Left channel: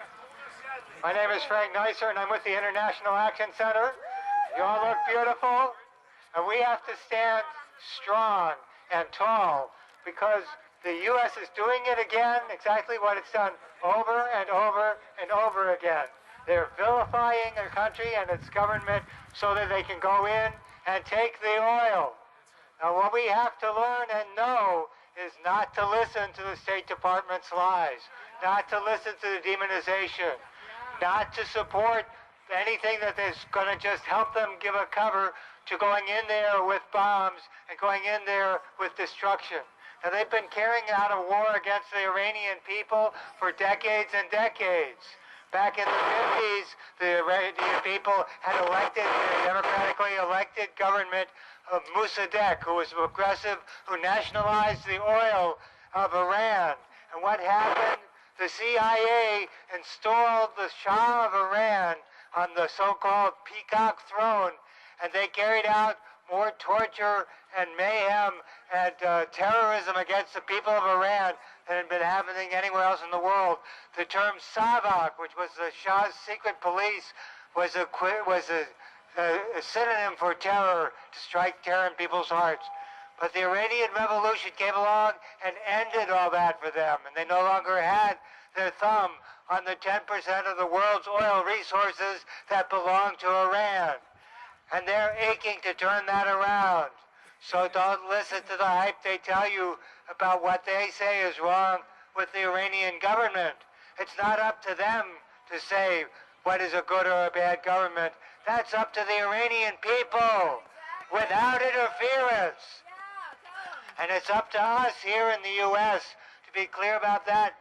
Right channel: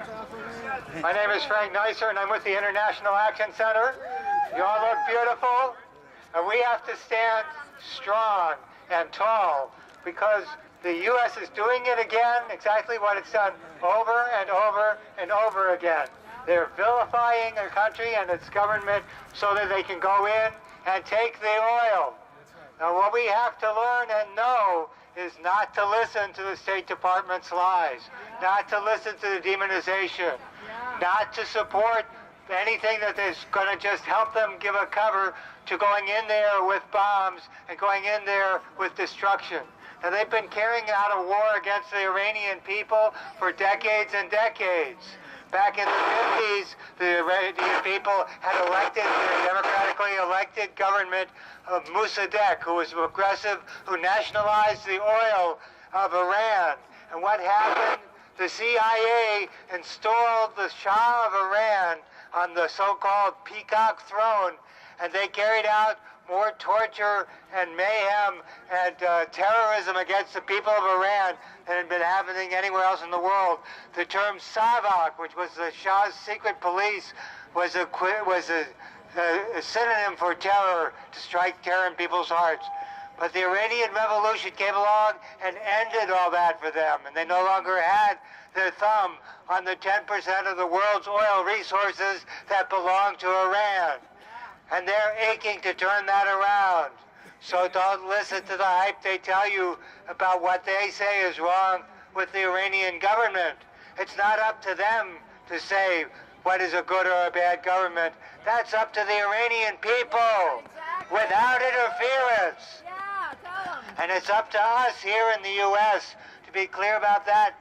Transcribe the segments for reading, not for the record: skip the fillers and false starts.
My name is Frank Neisser, and I'm with the International Action Center. You all look beautiful, and we have to stand strong and tall because the U.S. is doing it again, exactly what it's done over and over and over again. They're vilifying their country and its government so that they can go in and take the oil. Now, what we have to learn and know is not to listen to the State Department's lies, not to listen to the demonization, not to support anything that is going to just help them give a cover to going in there with bombs and going in there with destruction. Now, they've been carrying out a war against the Iranian people for decades and decades. Back in the 50s, the Iranian people had elected the democratically elected government of Mossadegh, who was aggressive, who nationalized the oil of Iran. And what happened? The CIA installed the Shah of Iran on the so-called peacock throne, and they carried out more torture and mayhem and terrorism against the people of Iran than had been happening anywhere else in the world. The term Savak, which was the Shah's secret police, was a synonym for terror, to strike terror in people's hearts. But the Iranian Revolution came along and ended all that for them, and they no longer had their thumb on the 10% of the world's oil resources that belong to Iran. And they're aching to turn that around. So don't listen to the hype they tell you about what they say is wrong with the Iranian government. It's not up to them to say what is a good or a bad government. That's up to the Iranian people, without interference. And it's up to us here in the U.S. to be clear about that.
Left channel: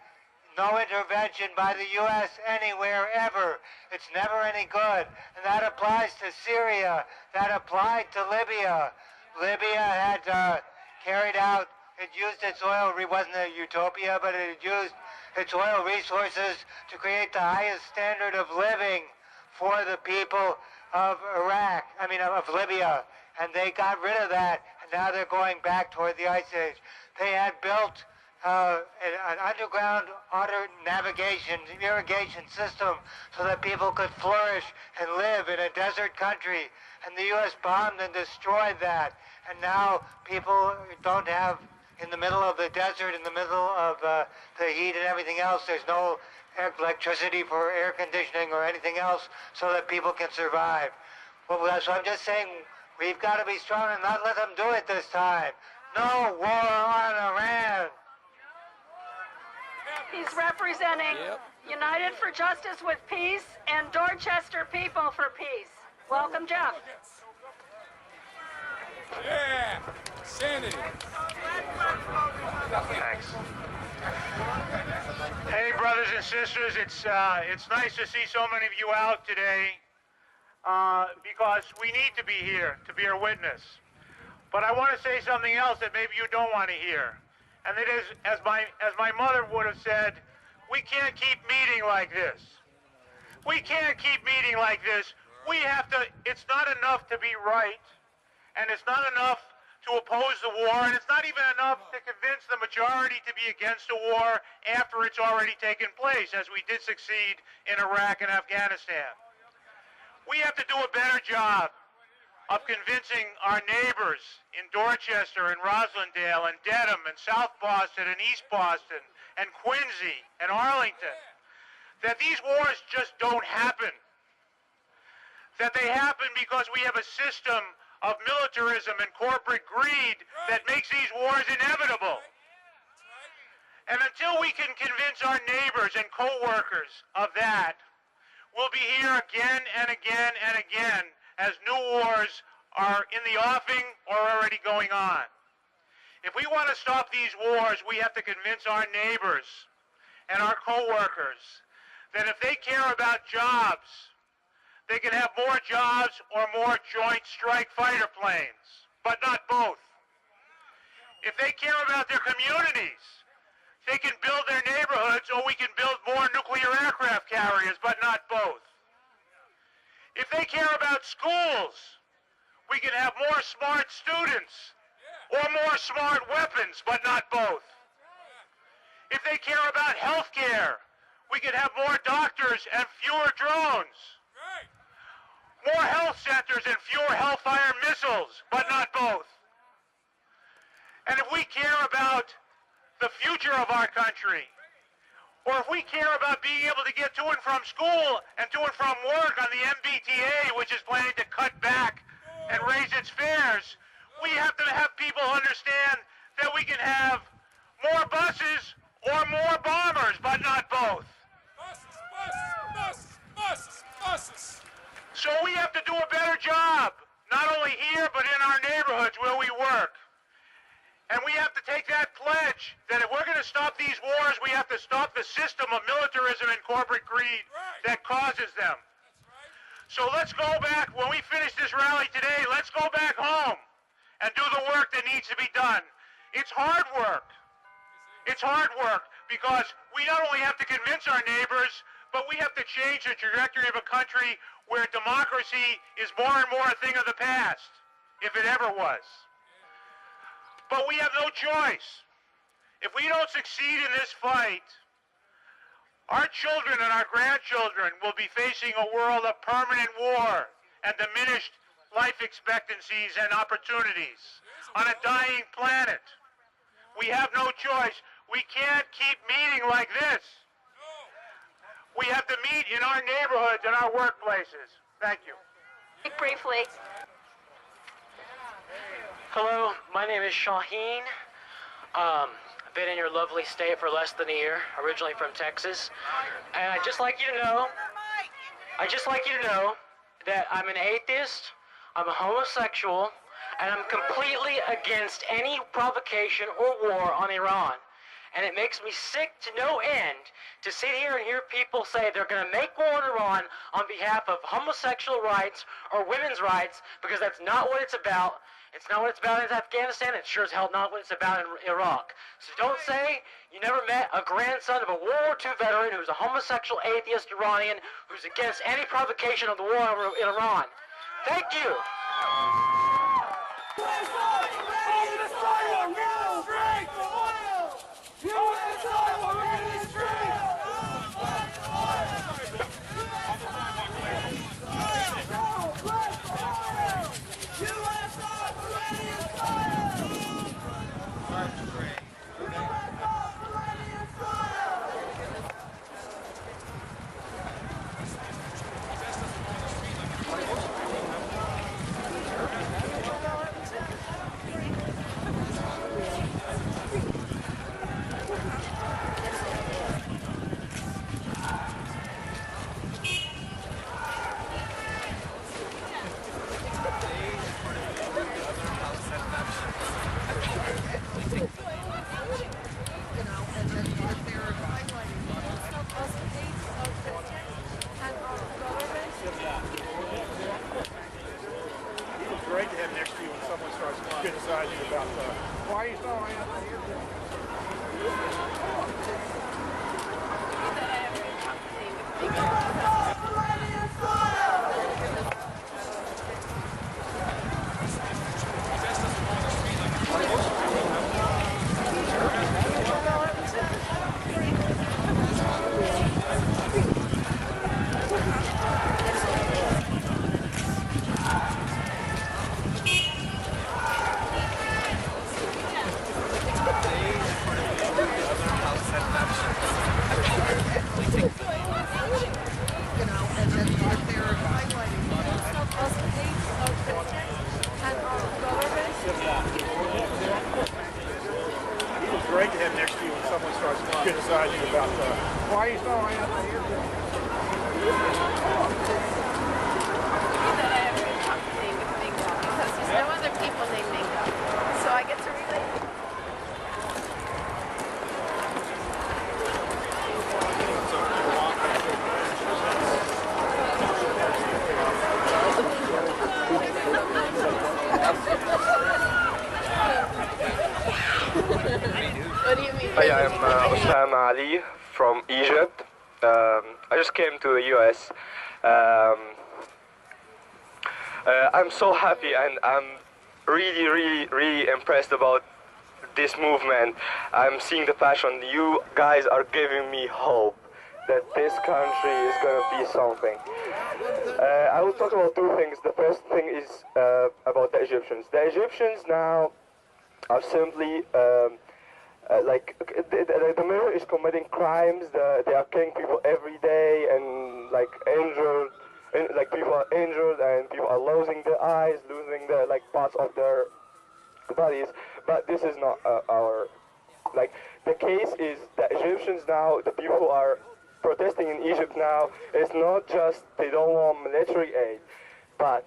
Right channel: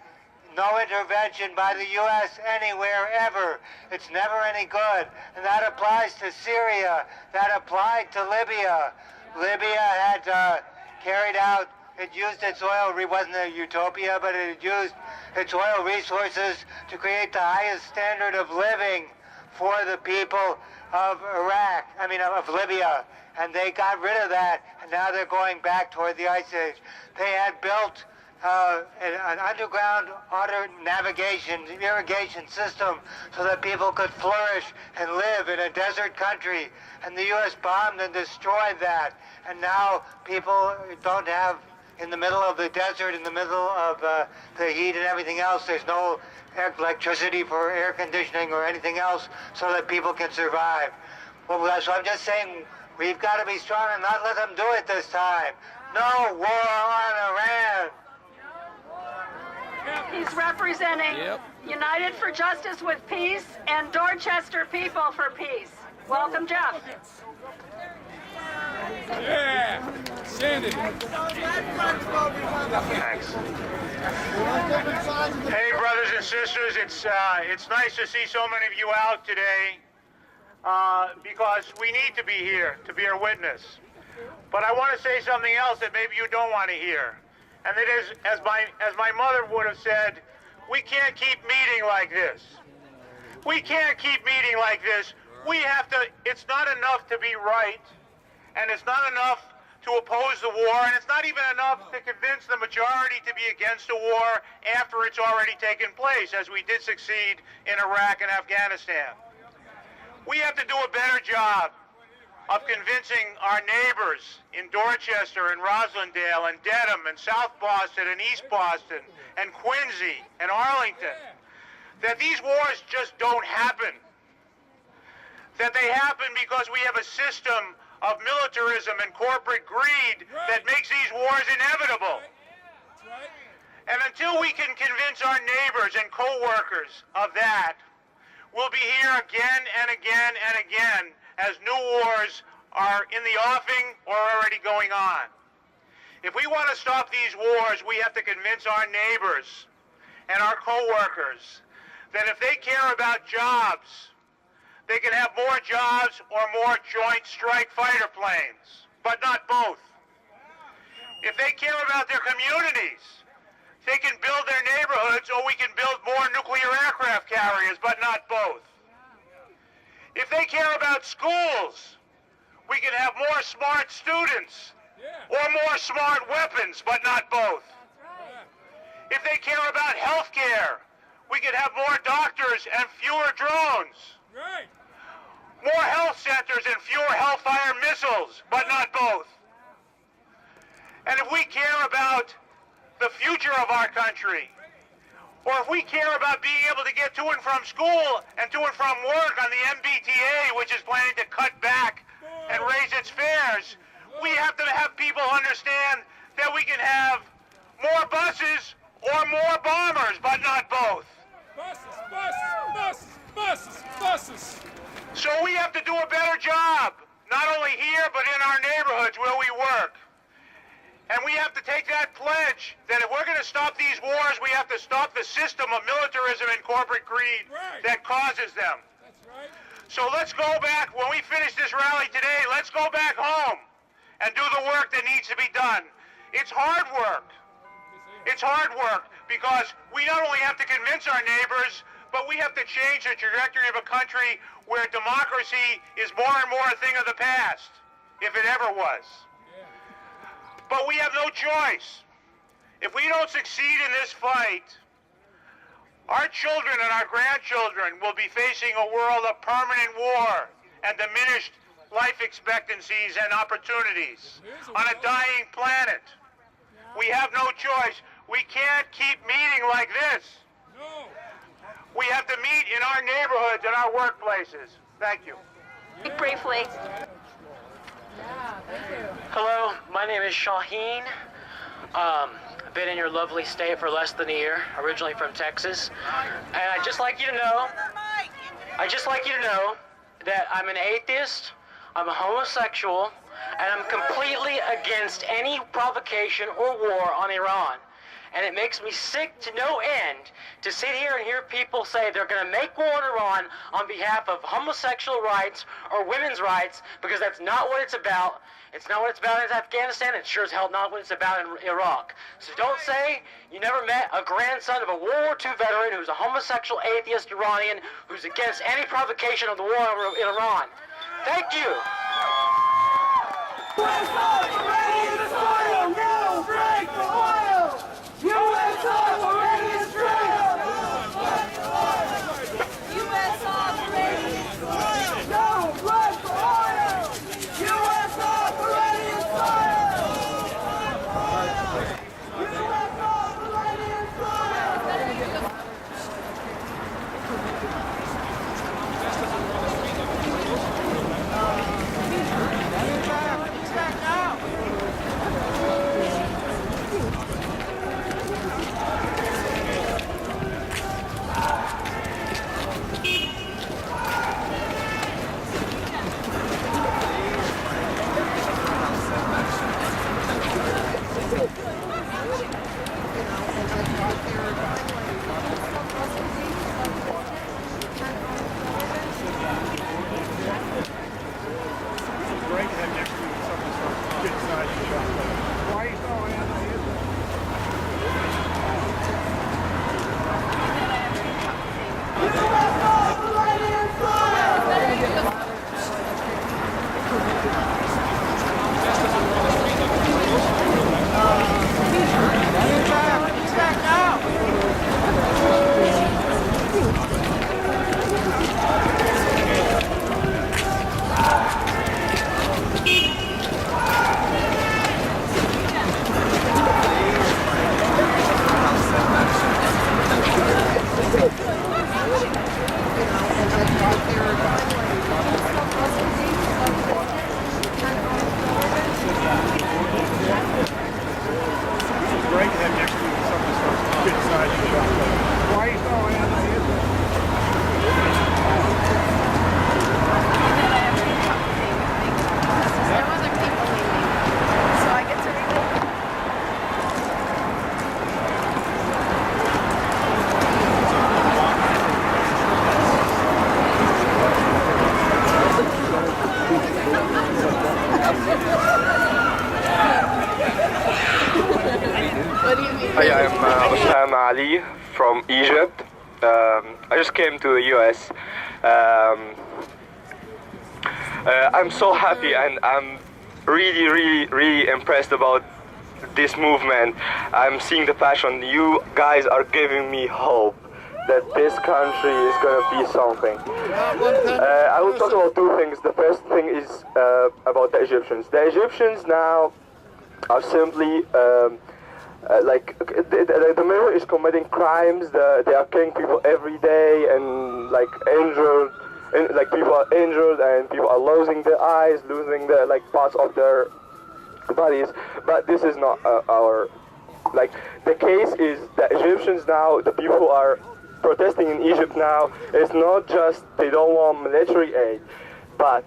No intervention by the U.S. anywhere, ever. It's never any good. And that applies to Syria. That applied to Libya. Libya had carried out, it used its oil, it wasn't a utopia, but it used its oil resources to create the highest standard of living for the people of of Libya. And they got rid of that, and now they're going back toward the Ice Age. They had built an underground navigation, irrigation system so that people could flourish and live in a desert country. And the U.S. bombed and destroyed that. And now people don't have, in the middle of the desert, in the middle of the heat and everything else, there's no electricity for air conditioning or anything else so that people can survive. Well, so I'm just saying, we've got to be strong and not let them do it this time. No war on Iran. He's representing United for Justice with Peace and Dorchester People for Peace. Welcome, Jeff. Thanks. Hey, brothers and sisters, it's nice to see so many of you out today because we need to be here to bear witness. But I want to say something else that maybe you don't want to hear. And it is, as my mother would have said, we can't keep meeting like this. We can't keep meeting like this. We have to, it's not enough to be right, and it's not enough to oppose the war, and it's not even enough to convince the majority to be against the war after it's already taken place, as we did succeed in Iraq and Afghanistan. We have to do a better job of convincing our neighbors in Dorchester and Roslindale and Dedham and South Boston and East Boston and Quincy and Arlington that these wars just don't happen. That they happen because we have a system of militarism and corporate greed that makes these wars inevitable. And until we can convince our neighbors and co-workers of that, we'll be here again and again and again as new wars are in the offing or already going on. If we want to stop these wars, we have to convince our neighbors and our co-workers that if they care about jobs, they can have more jobs or more Joint Strike Fighter planes, but not both. If they care about their communities, they can build their neighborhoods or we can build more nuclear aircraft carriers, but not both. If they care about schools, we can have more smart students or more smart weapons, but not both. If they care about health care, we could have more doctors and fewer drones. More health centers and fewer Hellfire missiles, but not both. And if we care about the future of our country, or if we care about being able to get to and from school and to and from work on the MBTA, which is planning to cut back and raise its fares, we have to have people understand that we can have more buses or more bombers, but not both. So we have to do a better job, not only here, but in our neighborhoods where we work. And we have to take that pledge that if we're going to stop these wars, we have to stop the system of militarism and corporate greed that causes them. So let's go back, when we finish this rally today, let's go back home and do the work that needs to be done. It's hard work. It's hard work because we not only have to convince our neighbors, but we have to change the trajectory of a country where democracy is more and more a thing of the past, if it ever was. But we have no choice. If we don't succeed in this fight, our children and our grandchildren will be facing a world of permanent war and diminished life expectancies and opportunities on a dying planet. We have no choice. We can't keep meeting like this. We have to meet in our neighborhoods and our workplaces. Thank you. Briefly. Hello, my name is Shaheen. I've been in your lovely state for less than a year, originally from Texas. And I'd just like you to know that I'm an atheist, I'm a homosexual, and I'm completely against any provocation or war on Iran. And it makes me sick to no end to sit here and hear people say they're going to make war on Iran on behalf of homosexual rights or women's rights, because that's not what it's about. It's not what it's about in Afghanistan. It's sure as hell not what it's about in Iraq. So don't say you never met a grandson of a World War II veteran who's a homosexual atheist Iranian who's against any provocation of the war in Iran. Thank you. Great to have next to you when someone starts criticizing you about why are you so anti-Israel? Great to have next to you when someone starts criticizing you about why are you so anti-Israel? That I have good company with Mingo because there's no other people named Mingo. So I get to relate. What do you mean? Hi, I'm Osama Ali from Egypt. I just came to the US. I'm so happy and I'm really impressed about this movement. I'm seeing the passion. You guys are giving me hope. that this country is going to be something. I will talk about two things. The first thing is about the Egyptians. The Egyptians now are simply like the mirror is committing crimes. They are killing people every day and like injured. Like people are injured and people are losing their eyes, losing their like parts of their bodies. But this is not our like the case is the Egyptians now, the people who are protesting in Egypt now, it's not just they don't want military aid, but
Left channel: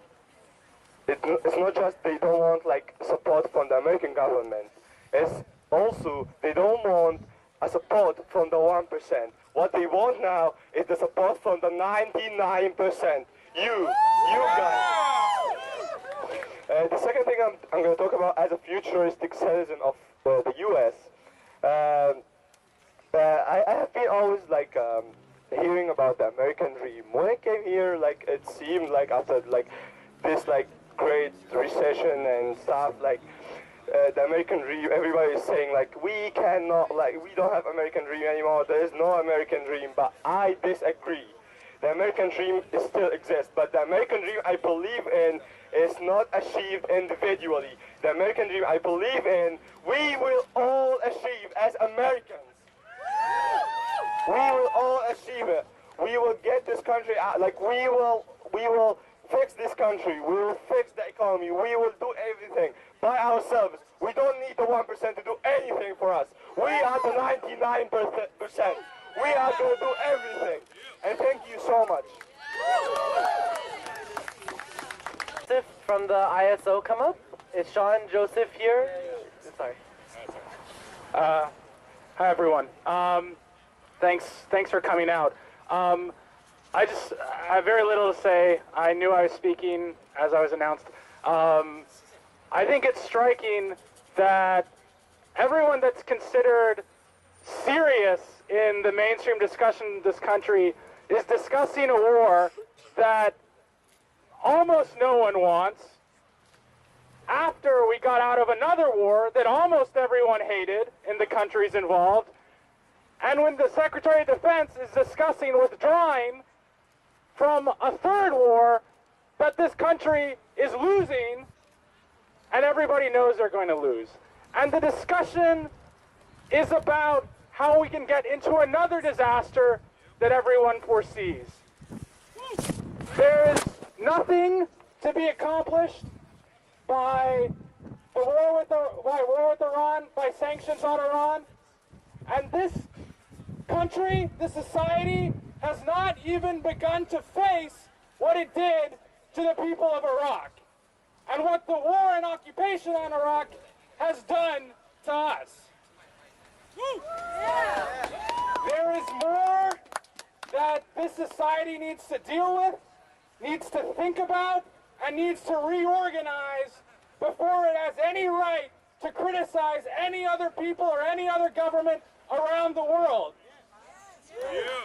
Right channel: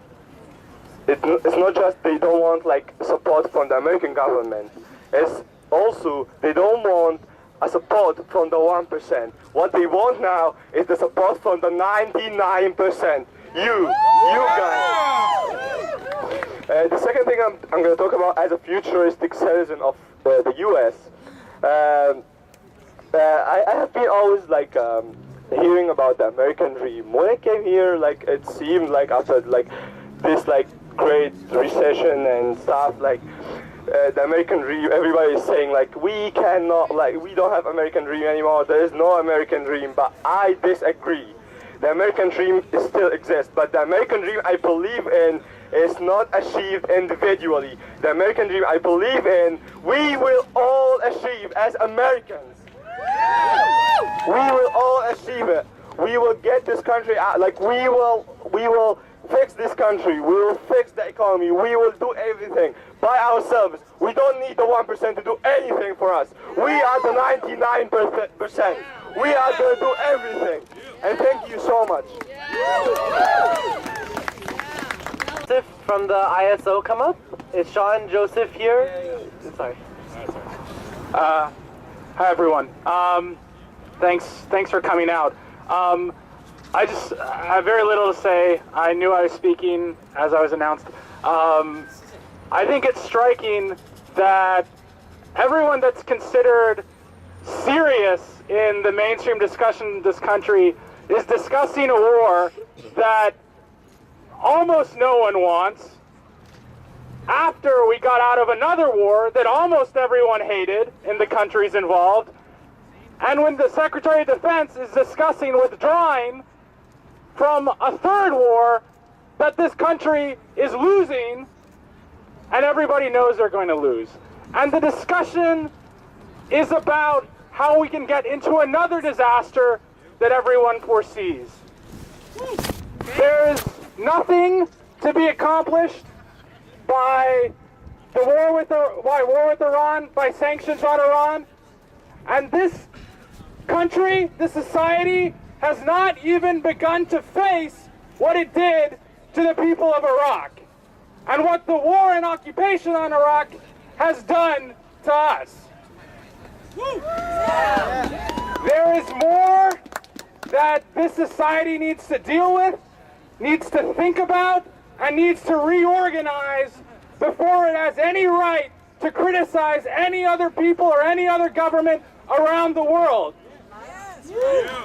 it's not just they don't want like support from the American government. It's also they don't want a support from the 1%. What they want now is the support from the 99%. You guys. The second thing I'm going to talk about as a futuristic citizen of the U.S. I have been always like hearing about the American dream. When I came here, like it seemed like after like this like great recession and stuff, like the American dream, everybody is saying like we cannot, like we don't have American dream anymore. There is no American dream, but I disagree. The American dream still exists, but the American dream I believe in is not achieved individually. The American dream I believe in, we will all achieve as Americans. We will all achieve it. We will get this country out. Like we will fix this country. We will fix the economy. We will do everything by ourselves. We don't need the 1% to do anything for us. We are the 99%. We are going to do everything. And thank you so much. Joseph from the ISO come up? Is Sean Joseph here? Sorry. Hi everyone. Thanks for coming out. I have very little to say. I knew I was speaking as I was announced. I think it's striking that everyone that's considered serious in the mainstream discussion in this country is discussing a war that almost no one wants, after we got out of another war that almost everyone hated in the countries involved, and when the Secretary of Defense is discussing withdrawing from a third war that this country is losing, and everybody knows they're going to lose. And the discussion is about how we can get into another disaster that everyone foresees. There's nothing to be accomplished by the war with Iran, by sanctions on Iran, and this country, this society, has not even begun to face what it did to the people of Iraq and what the war and occupation on Iraq has done to us. There is more that this society needs to deal with, needs to think about, and needs to reorganize before it has any right to criticize any other people or any other government around the world.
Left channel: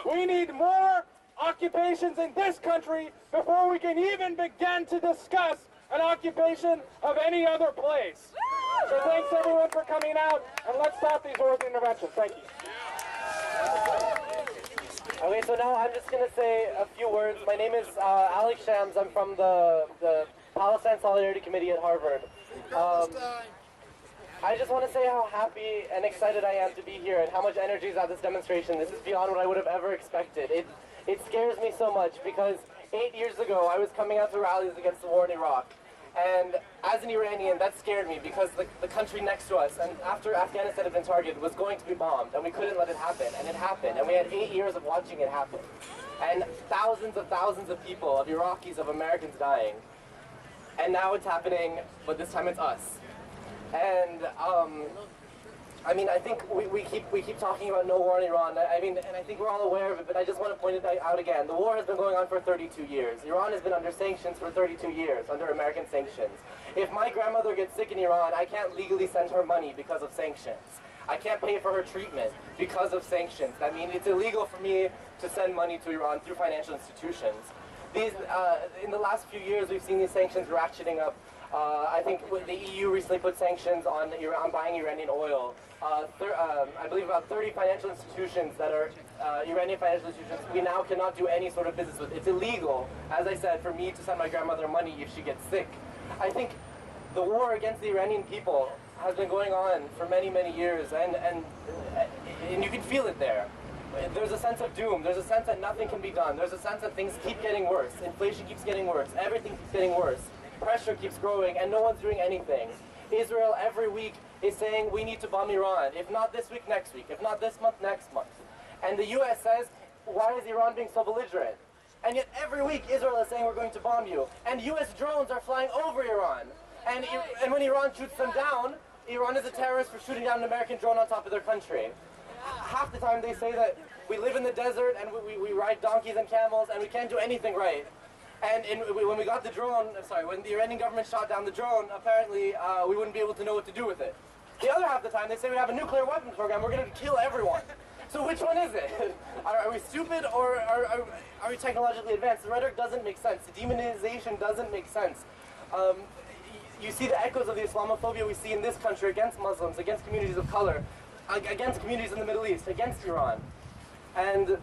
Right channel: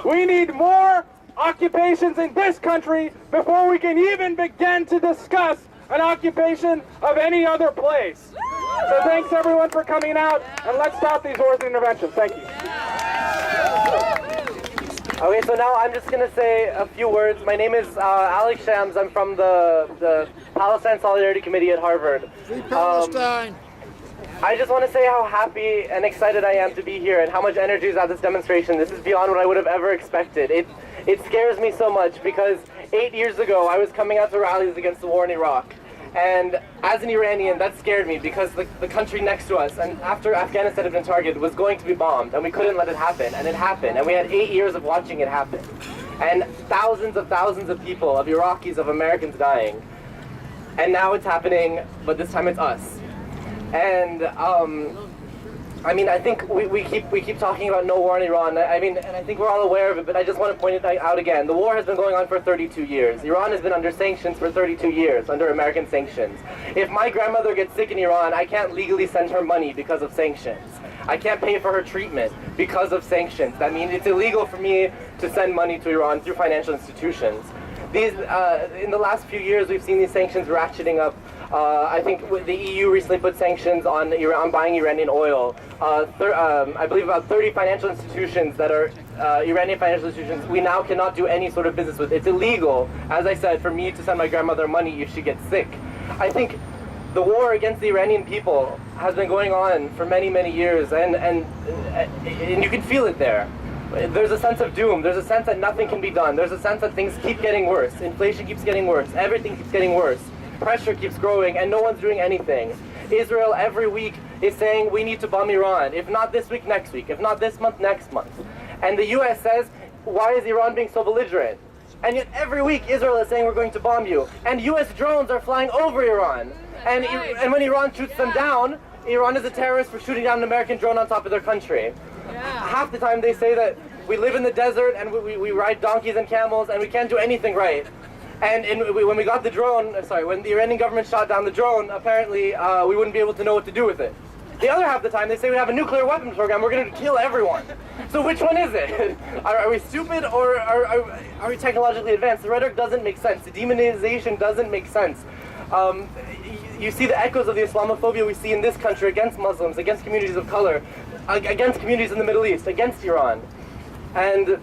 We need more occupations in this country before we can even begin to discuss an occupation of any other place. So thanks everyone for coming out, and let's stop these wars and interventions. Thank you. Okay, so now I'm just going to say a few words. My name is Alex Shams. I'm from the Palestine Solidarity Committee at Harvard. I just want to say how happy and excited I am to be here and how much energy is at this demonstration. This is beyond what I would have ever expected. It scares me so much because 8 years ago I was coming out to rallies against the war in Iraq. And as an Iranian, that scared me because the country next to us, and after Afghanistan had been targeted, was going to be bombed, and we couldn't let it happen, and it happened, and we had 8 years of watching it happen. And thousands of people, of Iraqis, of Americans dying. And now it's happening, but this time it's us. And I mean, I think we keep talking about no war in Iran. I mean, and I think we're all aware of it, but I just want to point it out again. The war has been going on for 32 years. Iran has been under sanctions for 32 years, under American sanctions. If my grandmother gets sick in Iran, I can't legally send her money because of sanctions. I can't pay for her treatment because of sanctions. That means it's illegal for me to send money to Iran through financial institutions. In the last few years, we've seen these sanctions ratcheting up I think the EU recently put sanctions on buying Iranian oil. I believe about 30 financial institutions that are Iranian financial institutions we now cannot do any sort of business with. It's illegal, as I said, for me to send my grandmother money if she gets sick. I think the war against the Iranian people has been going on for many, many years, and you can feel it there. There's a sense of doom. There's a sense that nothing can be done. There's a sense that things keep getting worse. Inflation keeps getting worse. Everything keeps getting worse. Pressure keeps growing, and no one's doing anything. Israel every week is saying we need to bomb Iran. If not this week, next week. If not this month, next month. And the US says, why is Iran being so belligerent? And yet every week Israel is saying we're going to bomb you. And US drones are flying over Iran. And when Iran shoots them down, Iran is a terrorist for shooting down an American drone on top of their country. Half the time they say that we live in the desert and we ride donkeys and camels and we can't do anything right. And when we got the drone, when the Iranian government shot down the drone, apparently we wouldn't be able to know what to do with it. The other half of the time they say we have a nuclear weapons program, we're going to kill everyone. So which one is it? Are we stupid or are we technologically advanced? The rhetoric doesn't make sense. The demonization doesn't make sense. You see the echoes of the Islamophobia we see in this country against Muslims, against communities of color, against communities in the Middle East, against Iran. And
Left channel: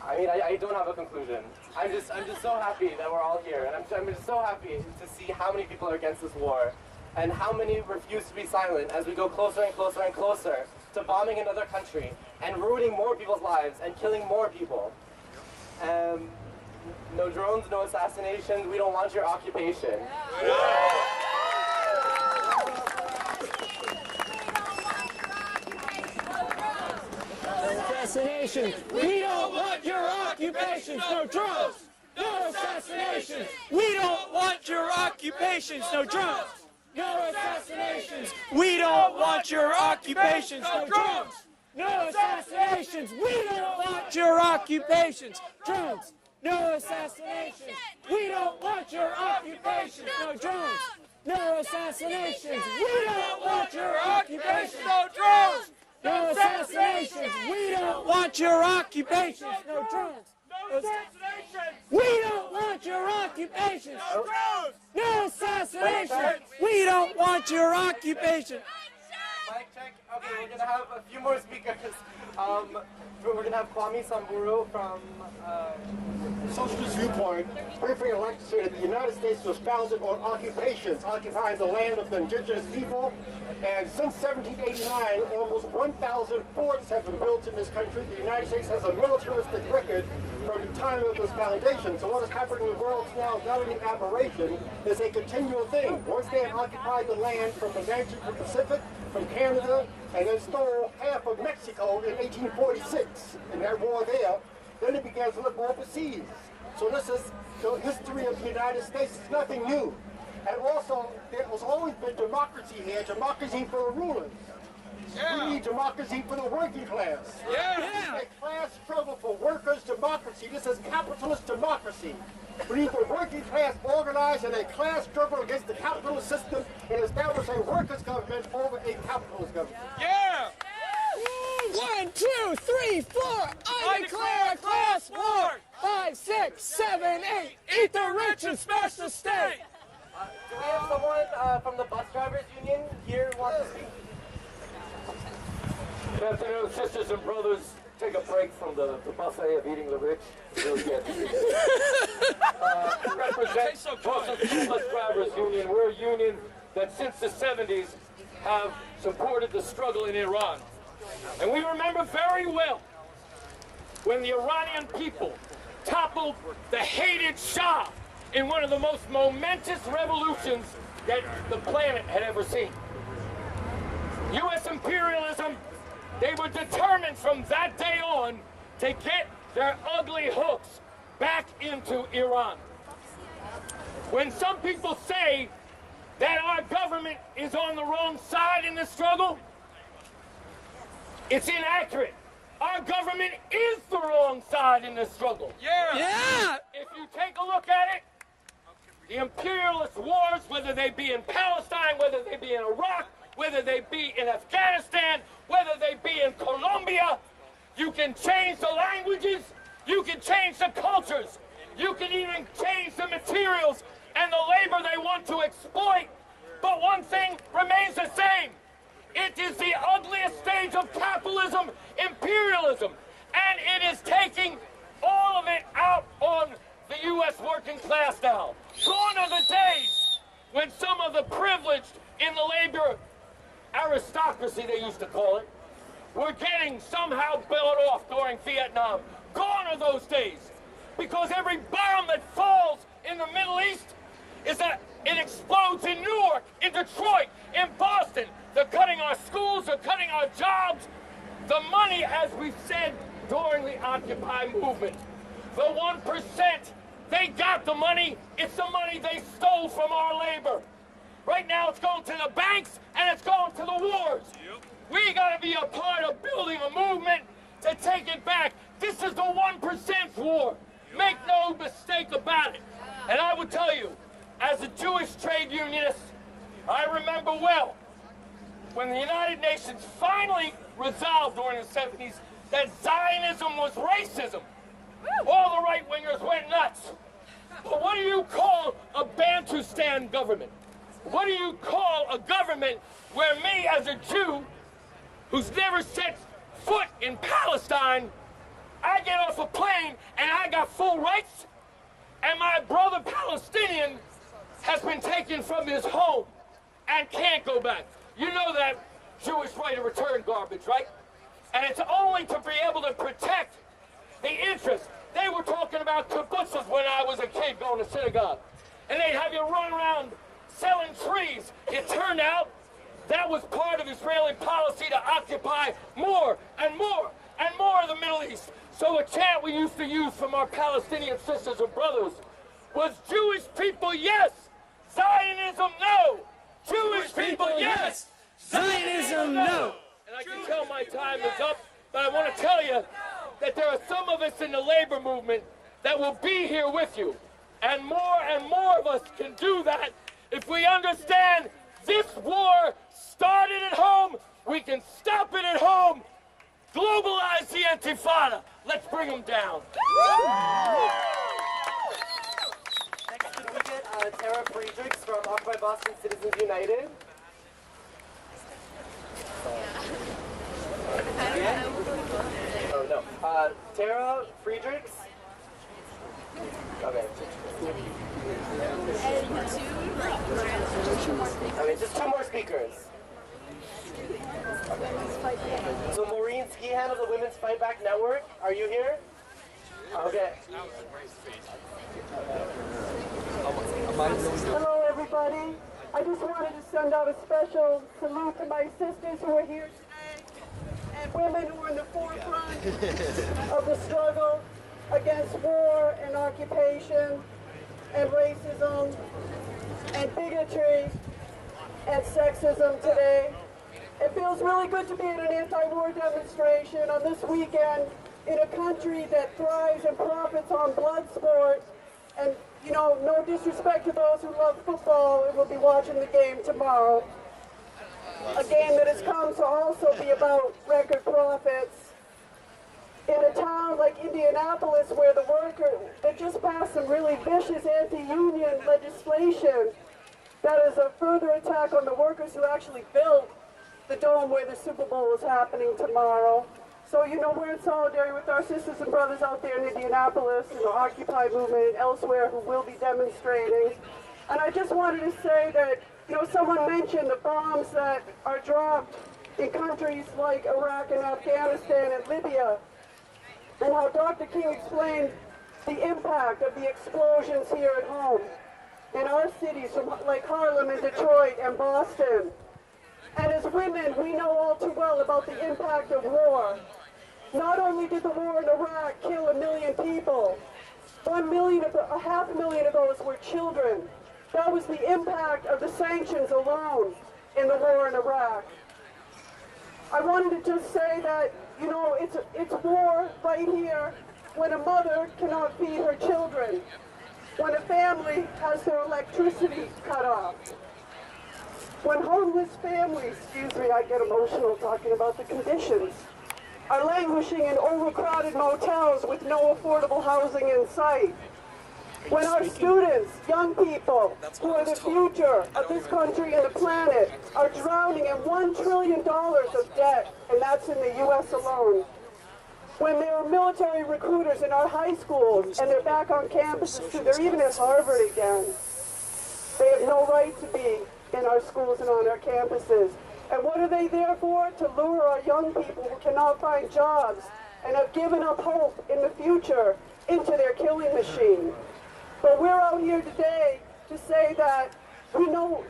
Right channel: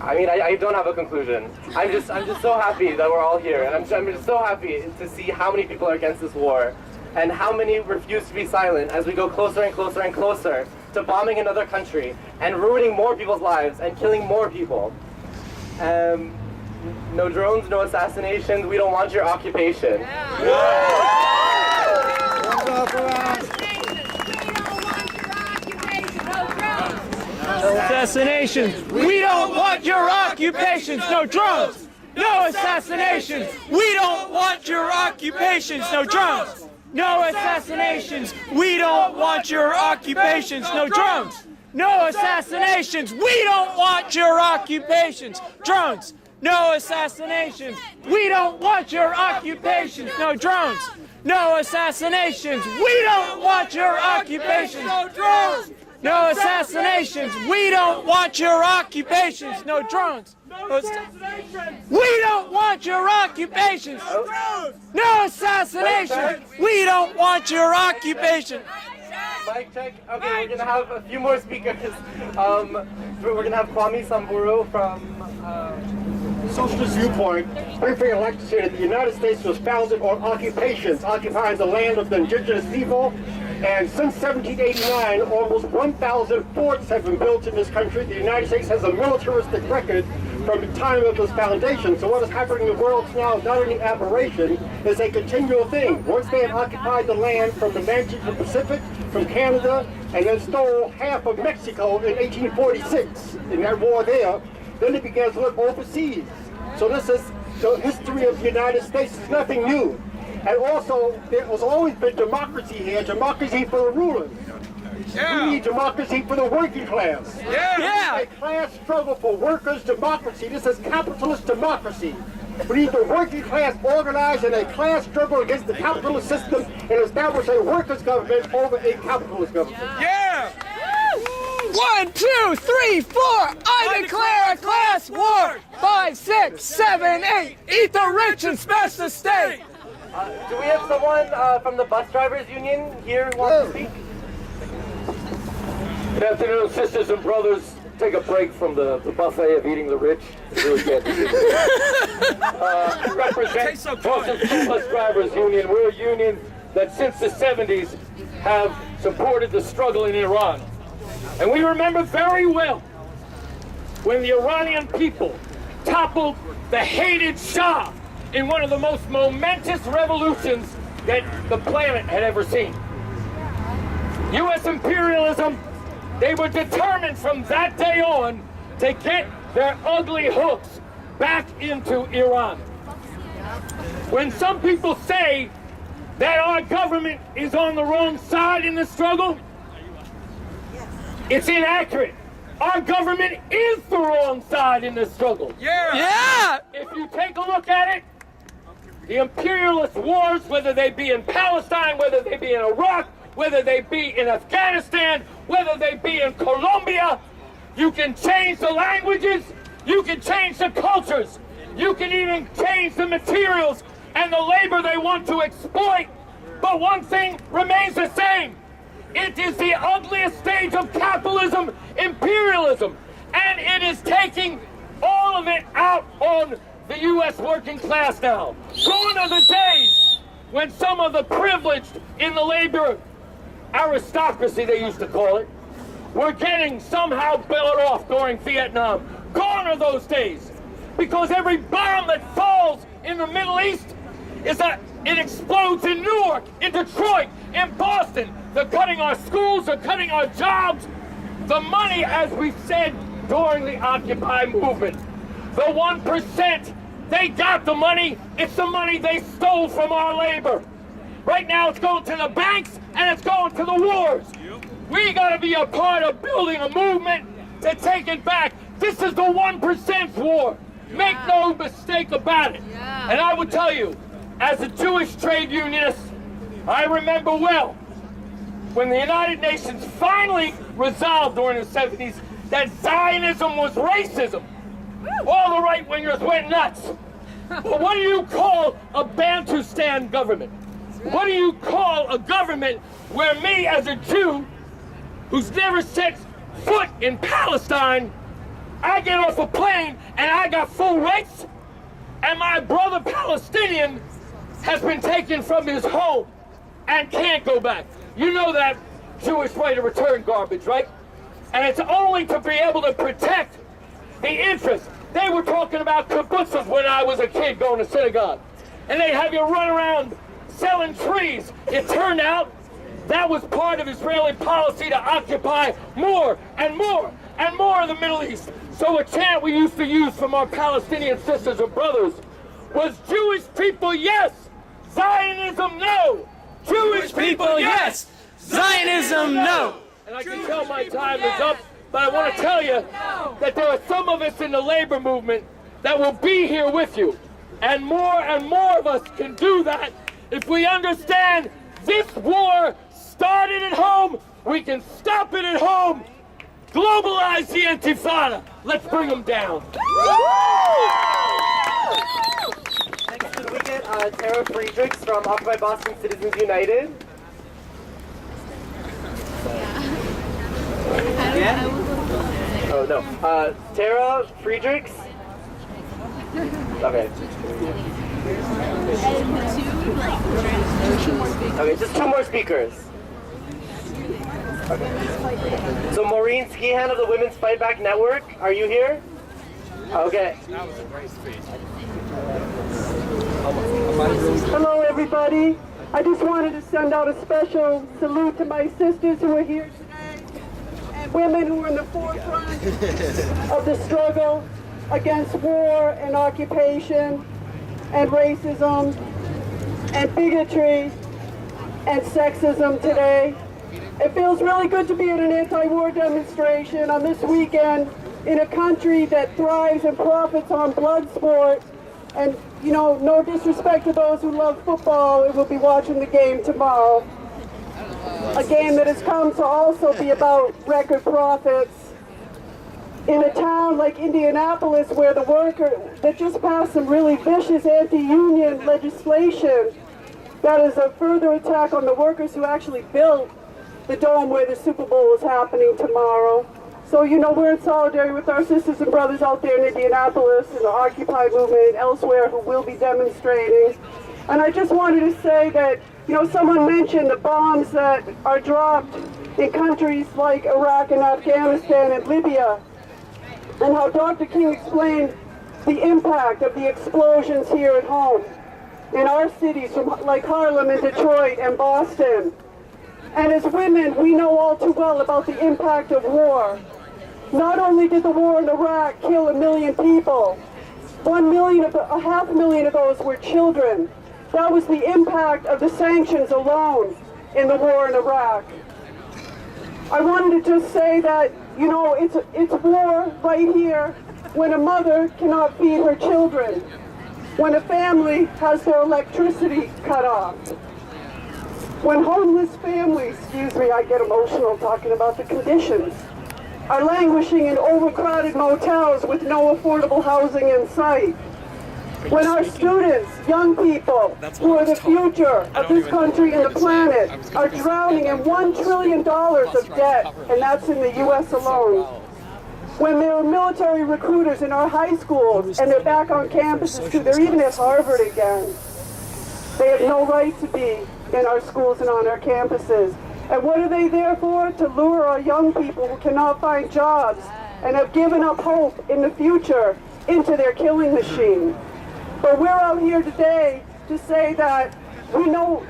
I mean, I don't have a conclusion. I'm just so happy that we're all here, and I'm just so happy to see how many people are against this war, and how many refuse to be silent as we go closer and closer and closer to bombing another country and ruining more people's lives and killing more people. No drones, no assassinations. We don't want your occupation. Assassinations. We don't want your occupations. No drones. No assassinations. We don't want your occupations. No drones. No assassinations. We don't want your occupations. No drones. No assassinations. We don't want your occupations. Drones. No assassinations. We don't want your occupations. No drones. No assassinations. We don't want your occupations. No drones. No assassinations. We don't want your occupations. No drones. No assassinations. We don't want your occupations. No drones. No assassinations. We don't want your occupation. Mic check. Okay, we're gonna have a few more speakers. We're gonna have Kwame Samburu from Socialist viewpoint. Briefly, I'd like to say that the United States was founded on occupations, occupying the land of the indigenous people. And since 1789, almost 1,000 forts have been built in this country. The United States has a militaristic record from the time of its foundation. So what is happening in the world now is not an aberration, it's a continual thing. Once they had occupied the land from the Atlantic to the Pacific, from Canada, and then stole half of Mexico in 1846, in that war there, then they began to look overseas. So this is the history of the United States. It's nothing new. And also, there has always been democracy here, democracy for the rulers. Yeah. We need democracy for the working class. Yeah. It's a class struggle for workers' democracy. This is capitalist democracy. We need the working class organized in a class struggle against the capitalist system and establish a workers' government over a capitalist government. Yeah. 1, 2, 3, 4. I declare a class war. 5, 6, 7, 8. Eat the rich and smash the state. Do we have someone from the bus drivers union here who wants to speak? Good afternoon, sisters and brothers. Take a break from the buffet of eating the rich. Really good. Represent Boston School Bus Drivers Union. We're a union that since the 70s have supported the struggle in Iran. And we remember very well when the Iranian people toppled the hated Shah in one of the most momentous revolutions that the planet had ever seen. U.S. imperialism, they were determined from that day on to get their ugly hooks back into Iran. When some people say that our government is on the wrong side in the struggle, it's inaccurate. Our government is the wrong side in this struggle. Yeah. If you take a look at it, the imperialist wars, whether they be in Palestine, whether they be in Iraq, whether they be in Afghanistan, whether they be in Colombia, you can change the languages, you can change the cultures, you can even change the materials and the labor they want to exploit. But one thing remains the same. It is the ugliest stage of capitalism, imperialism, and it is taking all of it out on the U.S. working class now. Gone are the days when some of the privileged in the labor aristocracy, they used to call it, were getting somehow billed off during Vietnam. Gone are those days. Because every bomb that falls in the Middle East it explodes in Newark, in Detroit, in Boston. They're cutting our schools, they're cutting our jobs. The money, as we said during the Occupy movement, the 1%, they got the money. It's the money they stole from our labor. Right now it's going to the banks and it's going to the wars. We got to be a part of building a movement to take it back. This is the 1% war. Make no mistake about it. And I would tell you, as a Jewish trade unionist, I remember well when the United Nations finally resolved during the 70s that Zionism was racism. All the right-wingers went nuts. But what do you call a Bantustan government? What do you call a government where me as a Jew, who's never set foot in Palestine, I get off a plane and I got full rights, and my brother Palestinian has been taken from his home and can't go back? You know that Jewish right of return garbage, right? And it's only to be able to protect the interests. They were talking about kibbutzes when I was a kid going to synagogue. And they'd have you run around selling trees. It turned out that was part of Israeli policy to occupy more and more and more of the Middle East. So a chant we used to use from our Palestinian sisters and brothers was Jewish people, yes. Zionism, no. Jewish people, yes. Zionism, no. And I can tell my time is up, but I want to tell you that there are some of us in the labor movement that will be here with you. And more of us can do that if we understand this war started at home. We can stop it at home. Globalize the Intifada. Let's bring them down. Next, could we get Tara Friedrichs from Occupy Boston Citizens United? Yeah? Oh, no. Tara Friedrichs? Okay. Okay, just two more speakers. Okay. So Maureen Skihan of the Women's Fight Back Network, are you here? Okay. That was a great speech. Hello, everybody. I just wanted to send out a special salute to my sisters who are here today and women who are in the forefront of the struggle against war and occupation and racism and bigotry and sexism today. It feels really good to be at an anti-war demonstration on this weekend in a country that thrives and profits on blood sport. And, you know, no disrespect to those who love football and will be watching the game tomorrow. A game that has come to also be about record profits. In a town like Indianapolis, where the workers that just passed some really vicious anti-union legislation that is a further attack on the workers who actually built the dome where the Super Bowl is happening tomorrow. So, you know, we're in solidarity with our sisters and brothers out there in Indianapolis and the Occupy movement and elsewhere who will be demonstrating. And I just wanted to say that, you know, someone mentioned the bombs that are dropped in countries like Iraq and Afghanistan and Libya, and how Dr. King explained the impact of the explosions here at home in our cities, like Harlem and Detroit and Boston. And as women, we know all too well about the impact of war. Not only did the war in Iraq kill 1 million people, 500,000 of those were children. That was the impact of the sanctions alone in the war in Iraq. I wanted to just say that, you know, it's war right here when a mother cannot feed her children, when a family has their electricity cut off, when homeless families, I get emotional talking about the conditions, are languishing in overcrowded motels with no affordable housing in sight, When our students, young people, who are the future of this country and the planet, are drowning in $1 trillion of debt, and that's in the U.S. alone. When there are military recruiters in our high schools, and they're back on campuses too, they're even at Harvard again. They have no right to be in our schools and on our campuses. And what are they there for? To lure our young people who cannot find jobs and have given up hope in the future into their killing machine. But we're out here today to say that we know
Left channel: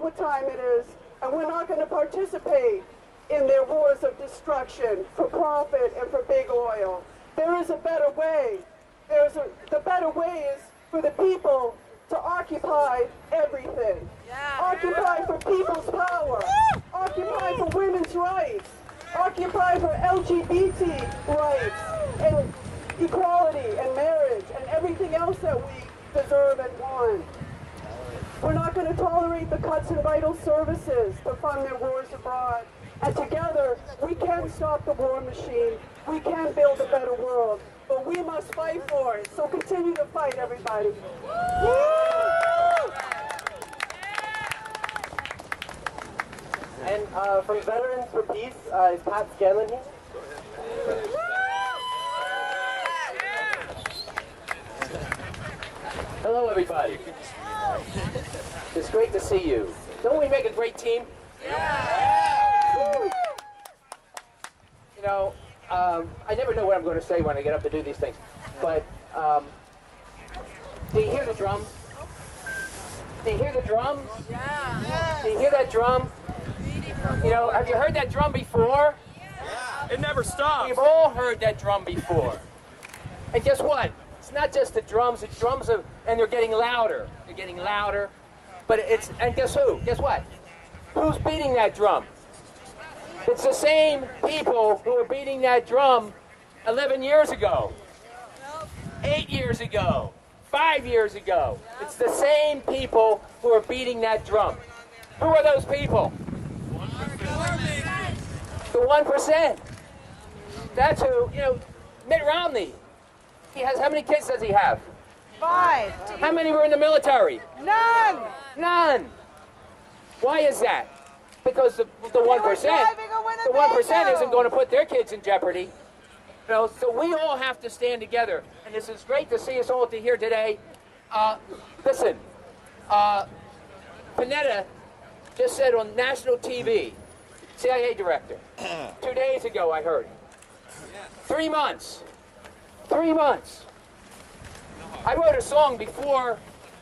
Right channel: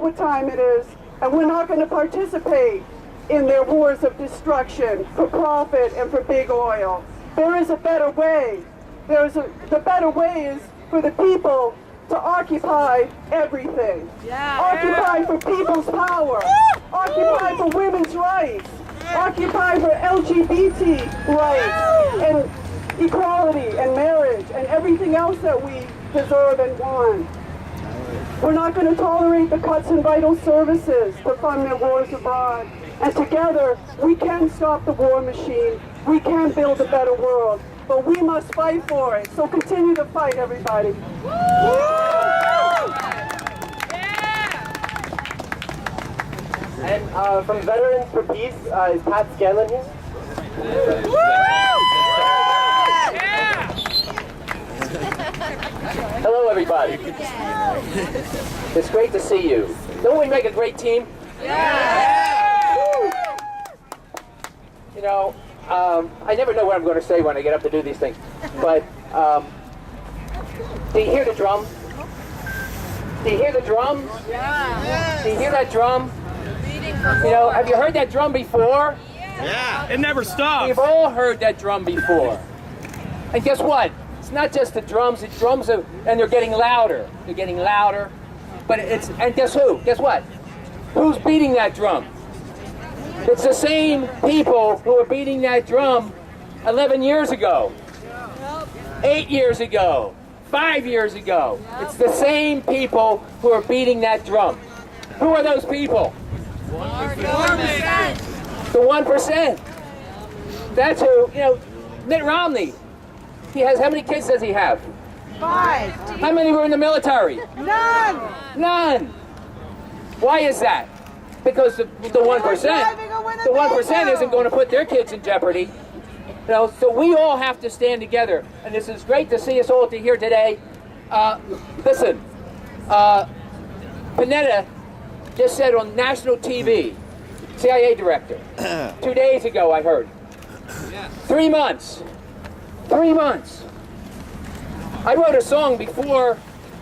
what time it is, and we're not going to participate in their wars of destruction for profit and for big oil. There is a better way. The better way is for the people to occupy everything. Occupy for people's power. Occupy for women's rights. Occupy for LGBT rights and equality and marriage and everything else that we deserve and want. We're not going to tolerate the cuts in vital services to fund their wars abroad. And together, we can stop the war machine. We can build a better world. But we must fight for it. So continue to fight, everybody. And from Veterans for Peace, is Pat Scanlon here? Hello, everybody. It's great to see you. Don't we make a great team? You know, I never know what I'm going to say when I get up to do these things. But do you hear the drum? Do you hear the drums? Do you hear that drum? You know, have you heard that drum before? Yeah. It never stops. We've all heard that drum before. And guess what? It's not just the drums are, and they're getting louder. They're getting louder. But and guess who? Guess what? Who's beating that drum? It's the same people who were beating that drum 11 years ago, 8 years ago, 5 years ago. It's the same people who are beating that drum. Who are those people? 1%. The 1%. That's who, you know, Mitt Romney. He has, how many kids does he have? 5. How many were in the military? None. None. Why is that? Because the 1%, the 1% isn't going to put their kids in jeopardy. You know, so we all have to stand together. And this is great to see us all here today. Listen, Panetta just said on national TV, CIA director, 2 days ago I heard, 3 months. 3 months. I wrote a song before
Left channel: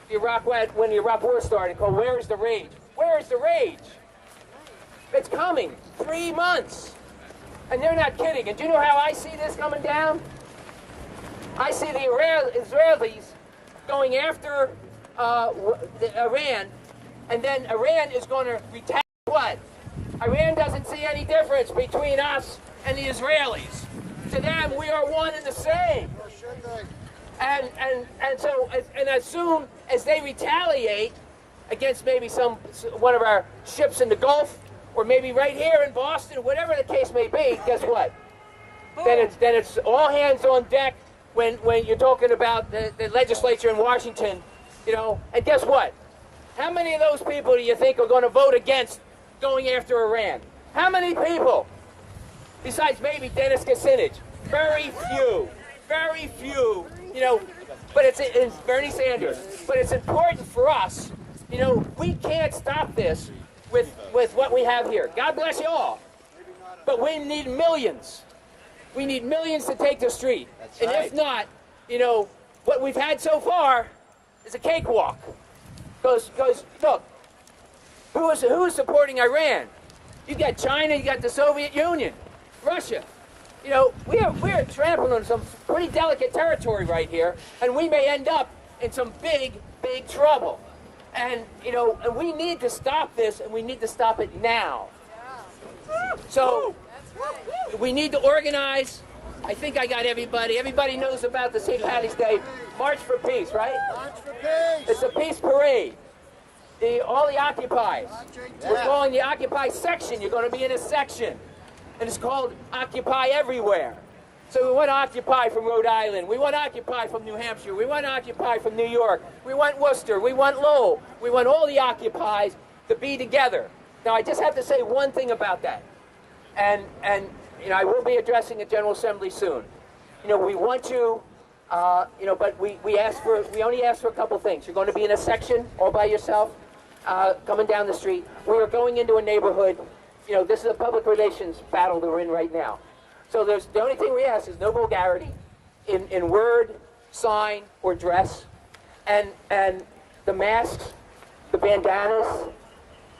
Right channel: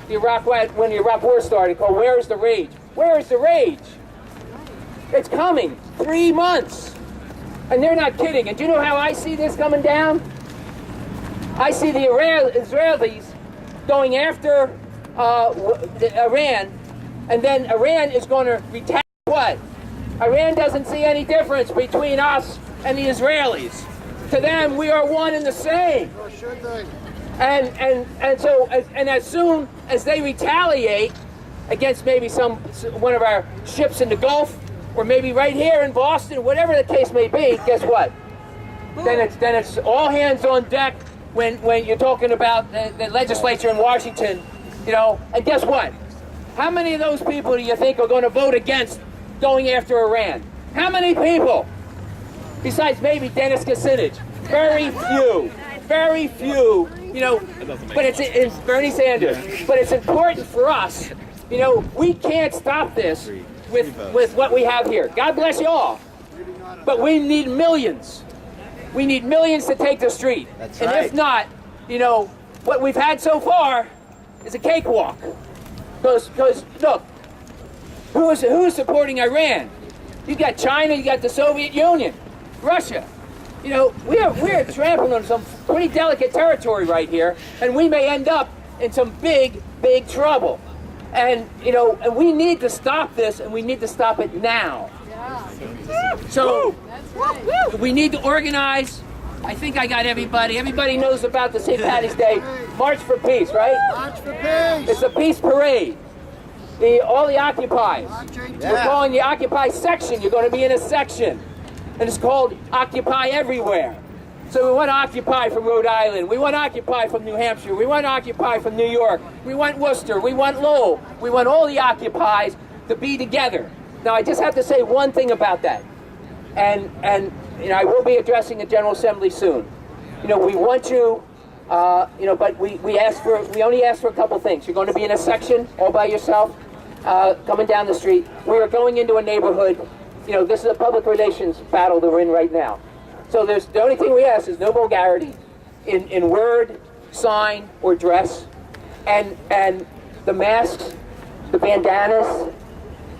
when the Iraq War started called "Where's the Rage?" Where's the rage? It's coming. 3 months. And they're not kidding. And do you know how I see this coming down? I see the Israelis going after Iran, and then Iran is going to retaliate. What? Iran doesn't see any difference between us and the Israelis. To them, we are one and the same. Or should they? And so as soon as they retaliate against maybe one of our ships in the Gulf, or maybe right here in Boston, whatever the case may be, guess what? Then it's all hands on deck when you're talking about the legislature in Washington, you know. And guess what? How many of those people do you think are going to vote against going after Iran? How many people? Besides maybe Dennis Kucinich. Very few. Very few. You know, but it's Bernie Sanders. But it's important for us. You know, we can't stop this with what we have here. God bless you all. But we need millions. We need millions to take the street. That's and right. If not, you know, what we've had so far is a cakewalk. Because look, who is supporting Iran? You got China, you got the Soviet Union, Russia. You know, we're trampling on some pretty delicate territory right here, and we may end up in some big trouble. And, you know, we need to stop this, and we need to stop it now. So, we need to organize. I think I got everybody. Everybody knows about the St. Patty's Day March for Peace, right? March for Peace. It's a peace parade. All the Occupies. We're calling the Occupy section. You're going to be in a section. And it's called Occupy Everywhere. So we want to occupy from Rhode Island. We want to occupy from New Hampshire. We want to occupy from New York. We want Worcester. We want Lowell. We want all the occupies to be together. Now, I just have to say one thing about that. And you know, I will be addressing the General Assembly soon. You know, we want you, you know, but we only ask for a couple things. You're going to be in a section all by yourself, coming down the street. We are going into a neighborhood. You know, this is a public relations battle that we're in right now. So the only thing we ask is no vulgarity in word, sign, or dress. And the masks, the bandanas,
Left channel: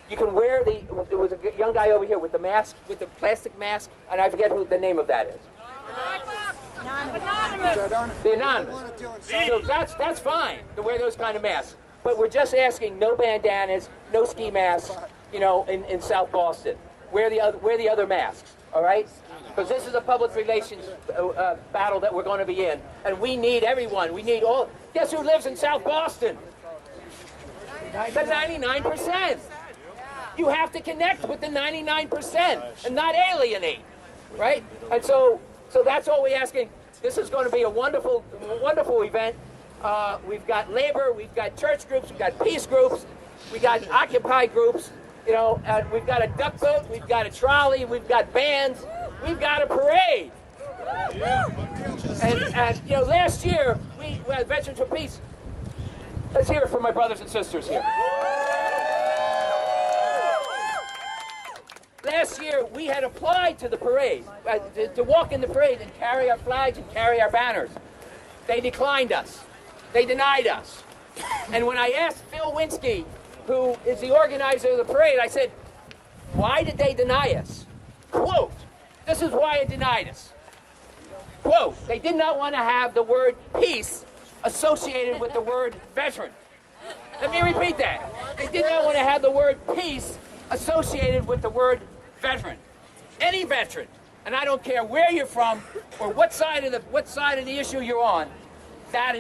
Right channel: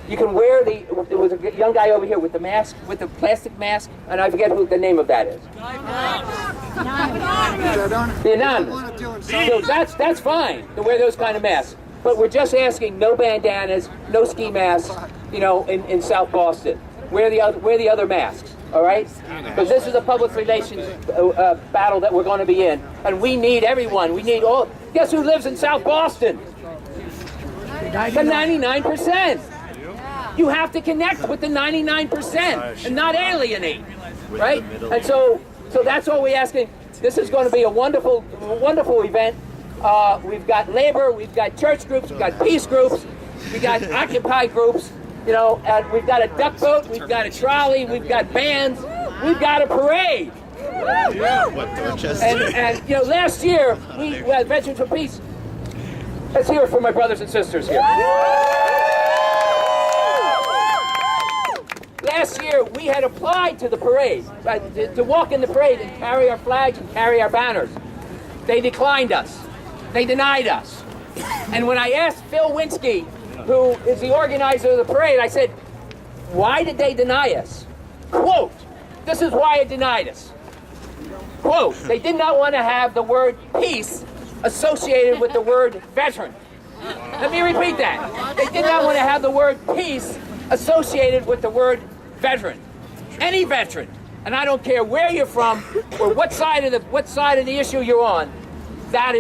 you can wear there was a young guy over here with the mask, with the plastic mask, and I forget who the name of that is. The anonymous. So that's fine to wear those kind of masks. But we're just asking no bandanas, no ski masks, you know, in South Boston. Wear the other masks, all right? Because this is a public relations battle that we're going to be in, and we need everyone. We need all. Guess who lives in South Boston? The 99%. You have to connect with the 99% and not alienate, right? And so that's all we're asking. This is going to be a wonderful event. We've got labor, we've got church groups, we've got peace groups, we've got Occupy groups, you know, and we've got a duck boat, we've got a trolley, we've got bands, we've got a parade. And you know, last year, we had Veterans for Peace. Let's hear it from my brothers and sisters here. Last year, we had applied to the parade, to walk in the parade and carry our flags and carry our banners. They declined us. They denied us. And when I asked Phil Winsky, who is the organizer of the parade, I said, why did they deny us? Quote, this is why it denied us. Quote, they did not want to have the word peace associated with the word veteran. Let me repeat that. They did not want to have the word peace associated with the word veteran. Any veteran, and I don't care where you're from or what side of the issue you're on, that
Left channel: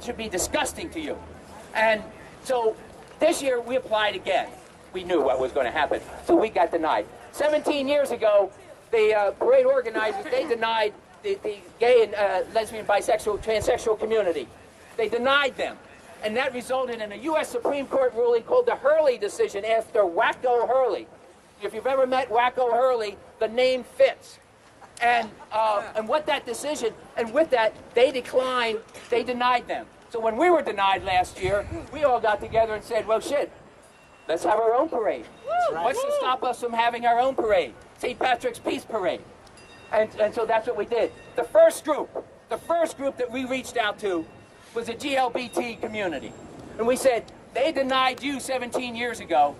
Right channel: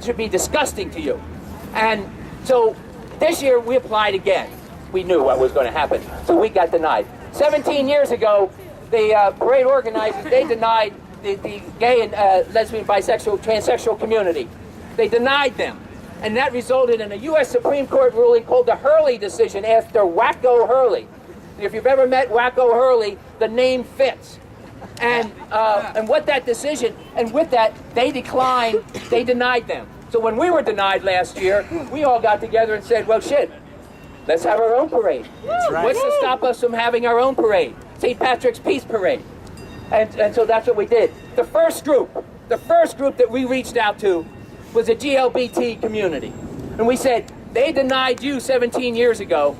should be disgusting to you. And so this year we applied again. We knew what was going to happen, so we got denied. 17 years ago, the parade organizers, they denied the gay and lesbian, bisexual, transsexual community. They denied them. And that resulted in a U.S. Supreme Court ruling called the Hurley decision after Wacko Hurley. If you've ever met Wacko Hurley, the name fits. And what that decision, and with that, they denied them. So when we were denied last year, we all got together and said, well, shit, let's have our own parade. That's right. What's to stop us from having our own parade? St. Patrick's Peace Parade. And so that's what we did. The first group that we reached out to was the GLBT community. And we said, they denied you 17 years ago,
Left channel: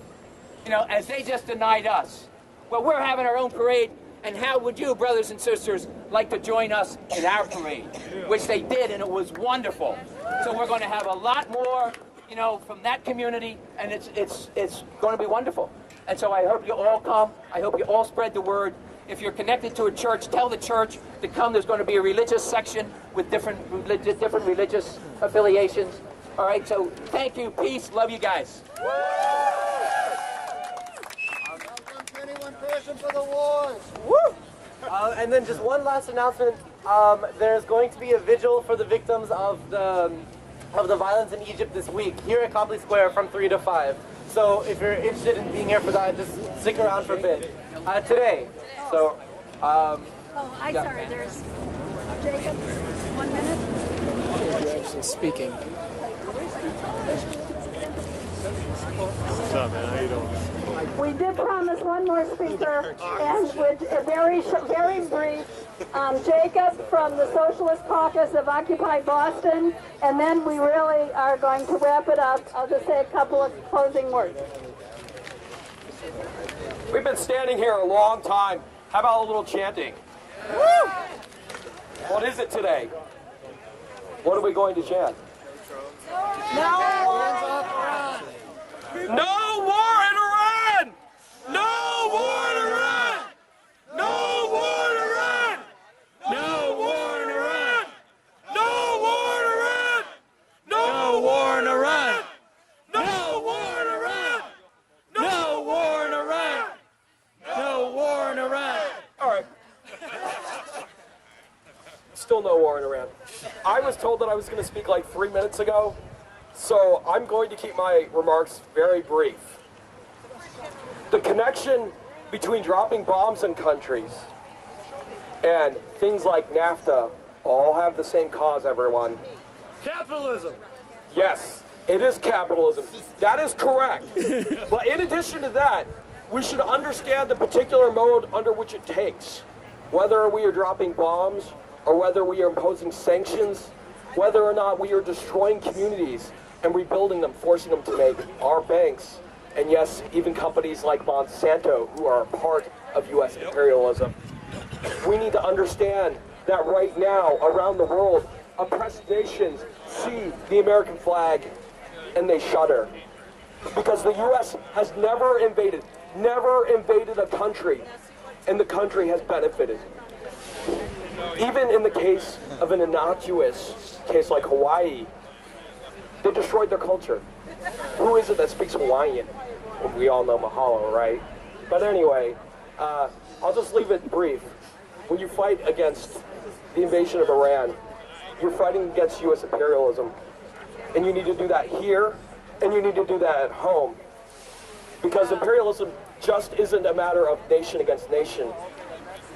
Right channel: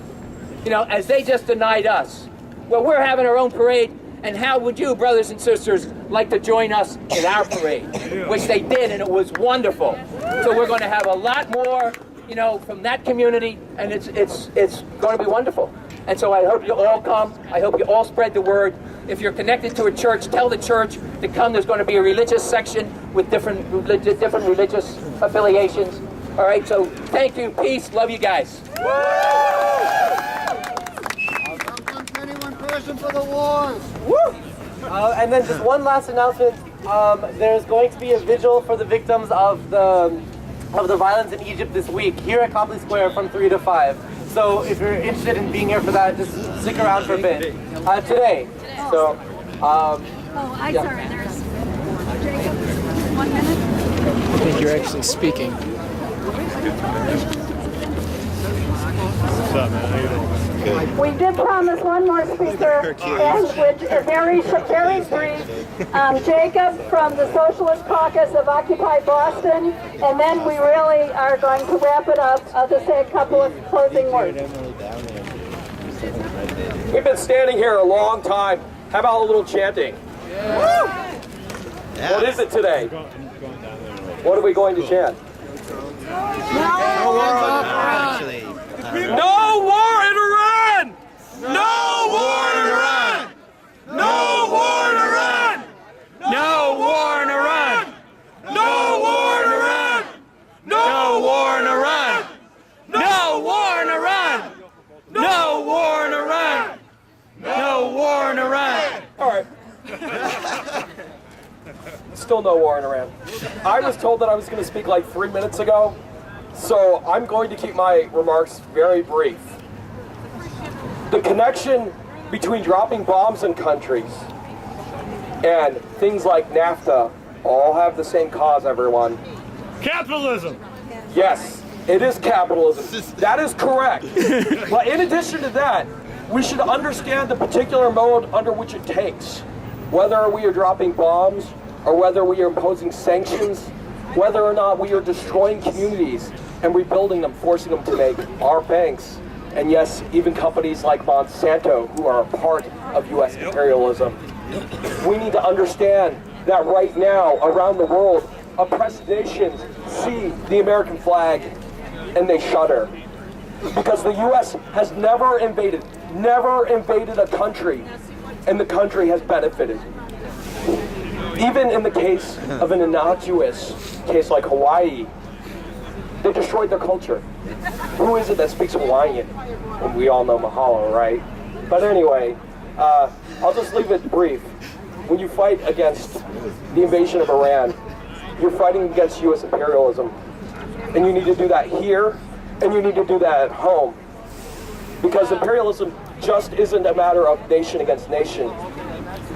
you know, as they just denied us. Well, we're having our own parade, and how would you, brothers and sisters, like to join us in our parade? Which they did, and it was wonderful. So we're going to have a lot more, you know, from that community, and it's going to be wonderful. And so I hope you all come. I hope you all spread the word. If you're connected to a church, tell the church to come. There's going to be a religious section with different religious affiliations. All right, so thank you. Peace. Love you guys. Anyone person for the wars. And then just one last announcement. There's going to be a vigil for the victims of the violence in Egypt this week here at Copley Square from 3 to 5. So if you're interested in being here for that, just stick around for a bit. Today. So. I'm sorry. There's Jacob. 1 minute. You're actually speaking. We did promise one more speaker, which is very brief. Jacob from the Socialist Caucus of Occupy Boston, and then we really are going to wrap it up. I'll just say a couple of closing words. We've been standing here a long time. How about a little chanting? Woo! Yeah. What is it today? What are we going to chant? No war in Iran! No war in Iran! No war in Iran! No war in Iran! No war in Iran! No war in Iran! No war in Iran! No war in Iran! No war in Iran! All right. I was told that I was going to speak like 3 minutes ago, so I'm going to keep my remarks very brief. The connection between dropping bombs in countries and things like NAFTA all have the same cause, everyone. Capitalism. Yes, it is capitalism. That is correct. But in addition to that, we should understand the particular mode under which it takes. Whether we are dropping bombs, or whether we are imposing sanctions, whether or not we are destroying communities and rebuilding them, forcing them to make our banks, and yes, even companies like Monsanto, who are a part of U.S. imperialism. We need to understand that right now, around the world, oppressed nations see the American flag and they shudder. Because the U.S. has never invaded a country, and the country has benefited. Even in the case of an innocuous case like Hawaii, they destroyed their culture. Who is it that speaks Hawaiian? And we all know Mahalo, right? But anyway, I'll just leave it brief. When you fight against the invasion of Iran, you're fighting against U.S. imperialism. And you need to do that here, and you need to do that at home. Because imperialism just isn't a matter of nation against nation.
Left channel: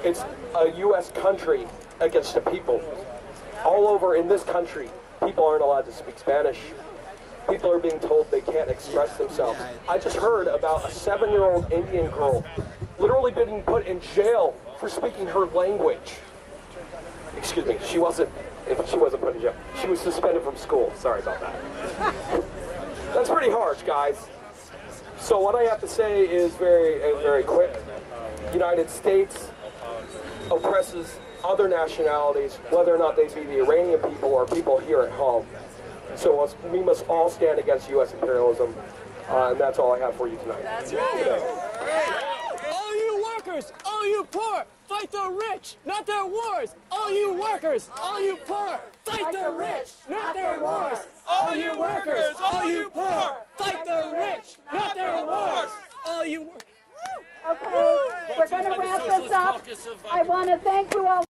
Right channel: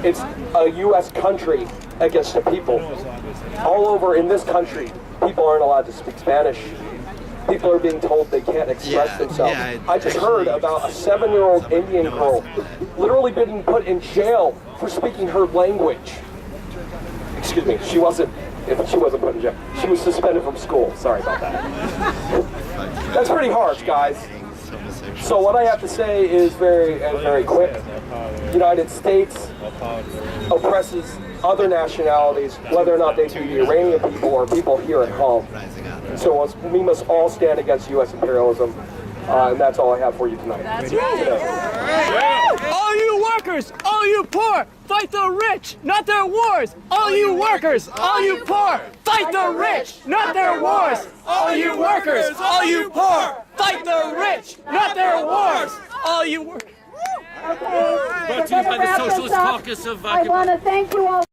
It's a U.S. country against the people. All over in this country, people aren't allowed to speak Spanish. People are being told they can't express themselves. I just heard about a 7-year-old Indian girl literally being put in jail for speaking her language. Excuse me, she wasn't put in jail. She was suspended from school. Sorry about that. That's pretty harsh, guys. So what I have to say is very quick. The United States oppresses other nationalities, whether or not they be the Iranian people or people here at home. So we must all stand against U.S. imperialism, and that's all I have for you tonight. All you workers, all you poor, fight the rich, not their wars. All you workers, all you poor, fight the rich, not their wars. All you workers, all you poor, fight the rich, not their wars. All you workers. Okay, Brought to you by the Socialist Caucus of I want to thank you all